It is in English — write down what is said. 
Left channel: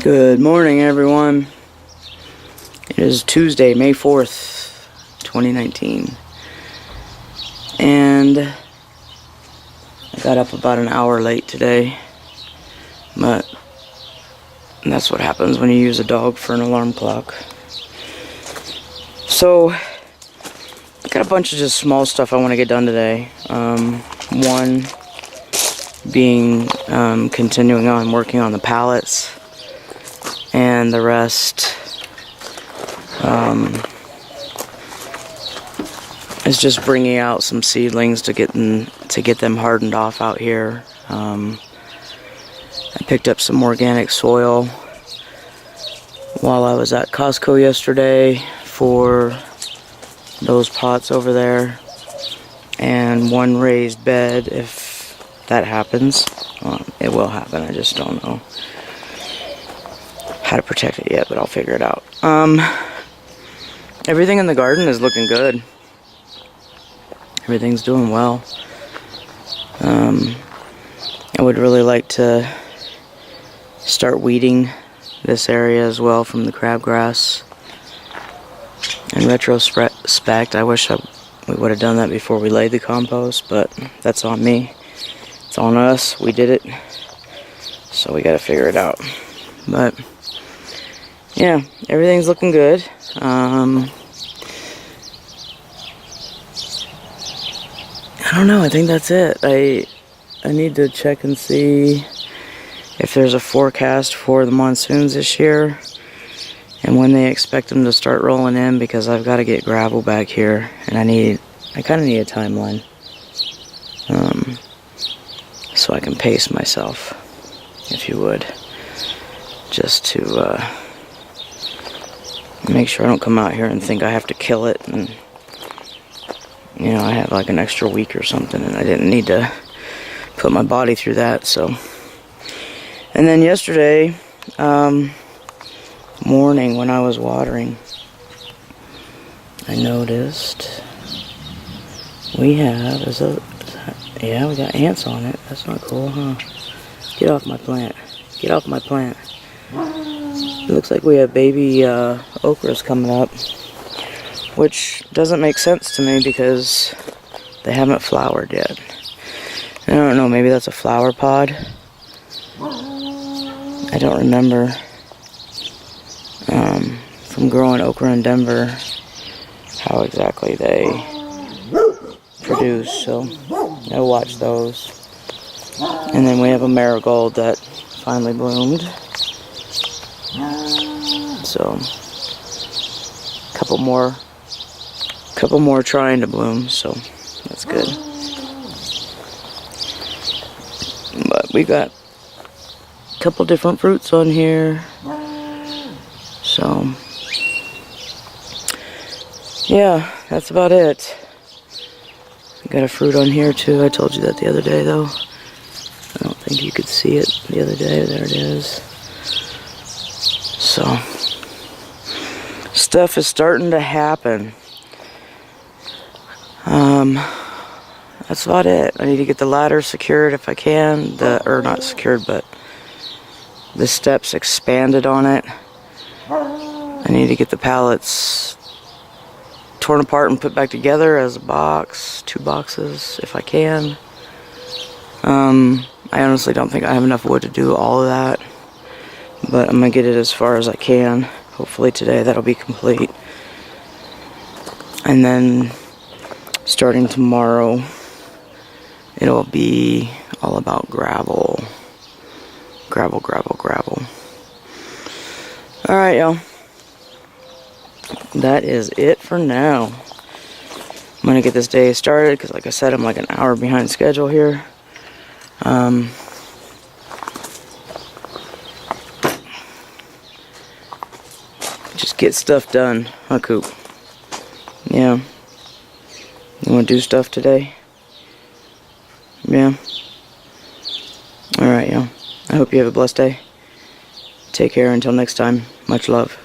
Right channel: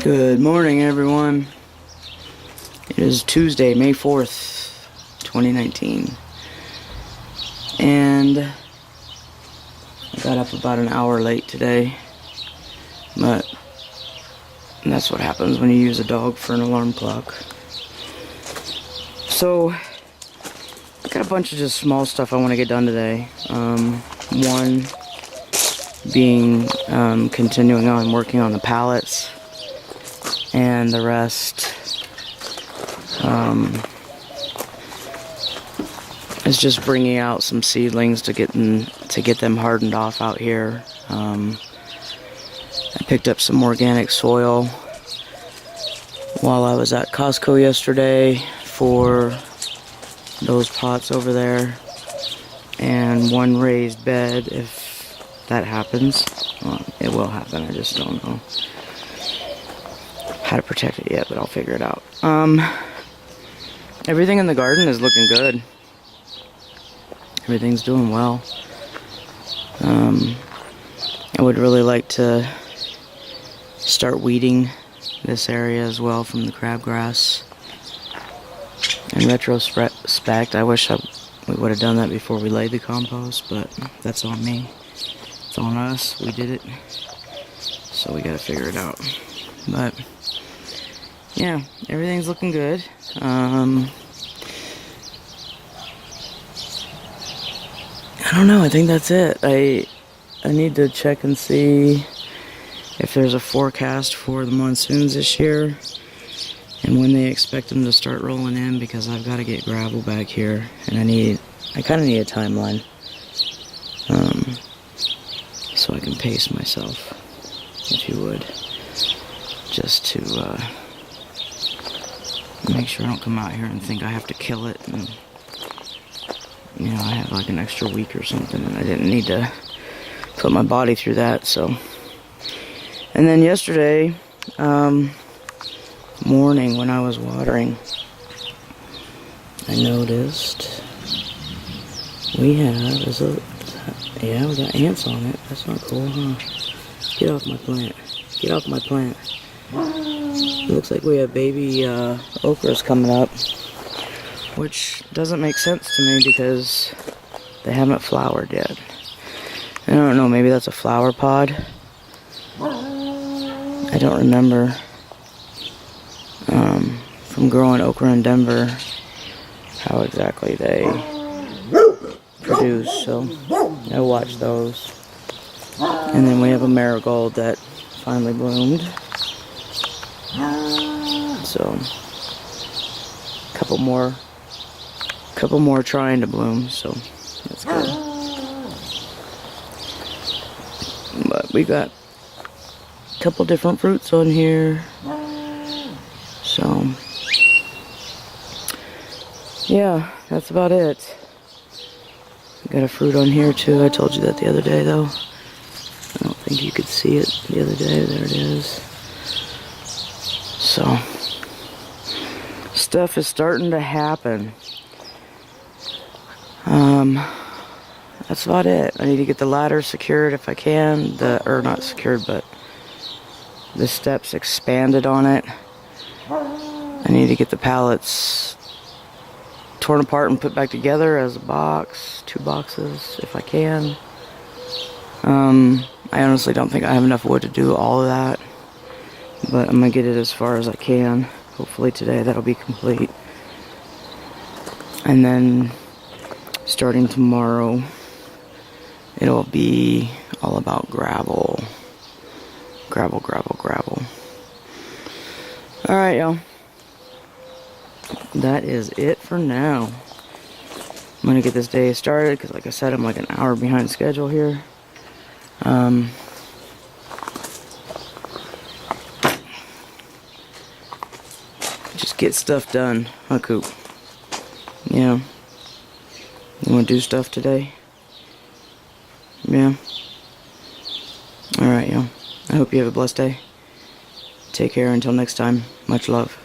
Good morning, everyone. It is Tuesday, May 4th, 2019. And I got up about an hour late today. But that's what happens when you use a dog for an alarm clock. So, I got a bunch of just small stuff I want to get done today. One being continuing on working on the pallets. And the rest is just bringing out some seedlings to get them hardened off out here. I picked up some organic soil while I was at Costco yesterday for those pots over there, and one raised bed. If that happens, it will happen. I just don't know how to protect it yet, but I'll figure it out. Everything in the garden is looking good. Everything's doing well. I would really like to start weeding this area as well from the crabgrass. In retrospect, I wish we would have done that before we laid the compost, but that's on me. It's on us. We did it. So we gotta figure it out. But yeah, everything's looking good. I don't know, I think that's it. I need to check and see if there's a forecast for the monsoons this year and when they expect them to start rolling in, because I've got to get gravel back here, and I kind of need a timeline so I can pace myself, if you would, just to make sure I don't come out here and think I have to kill it, and you know, I have like an extra week or something, and I didn't need to put my body through that. So, and then yesterday morning when I was watering, I noticed we got ants on it. That's not cool, huh? Get off my plant. Get off my plant. It looks like we have baby okras coming up, which doesn't make sense to me because they haven't flowered yet. I don't know, maybe that's a flower pod. I don't remember from growing okra in Denver how exactly they produce, so I'll watch those. And then we have a marigold that finally bloomed. So, couple more trying to bloom, so that's good. But we got a couple different fruits on here, so yeah, that's about it. We got a fruit on here too. I told you that the other day though. I don't think you could see it the other day. There it is. So, stuff is starting to happen. That's about it. I need to get the ladder secured if I can. Or not secured, but the steps expanded on it. I need to get the pallets torn apart and put back together as a box, 2 boxes, if I can. I honestly don't think I have enough wood to do all of that, but I'm gonna get it as far as I can. Hopefully today that'll be complete. And then starting tomorrow, it'll be all about gravel. Gravel. Alright, y'all. That is it for now. I'm gonna get this day started because, like I said, I'm like an hour behind schedule here. Just get stuff done, huh, Coop? Yeah. You wanna do stuff today? Yeah. Alright, y'all. I hope you have a blessed day. Take care until next time. Much love.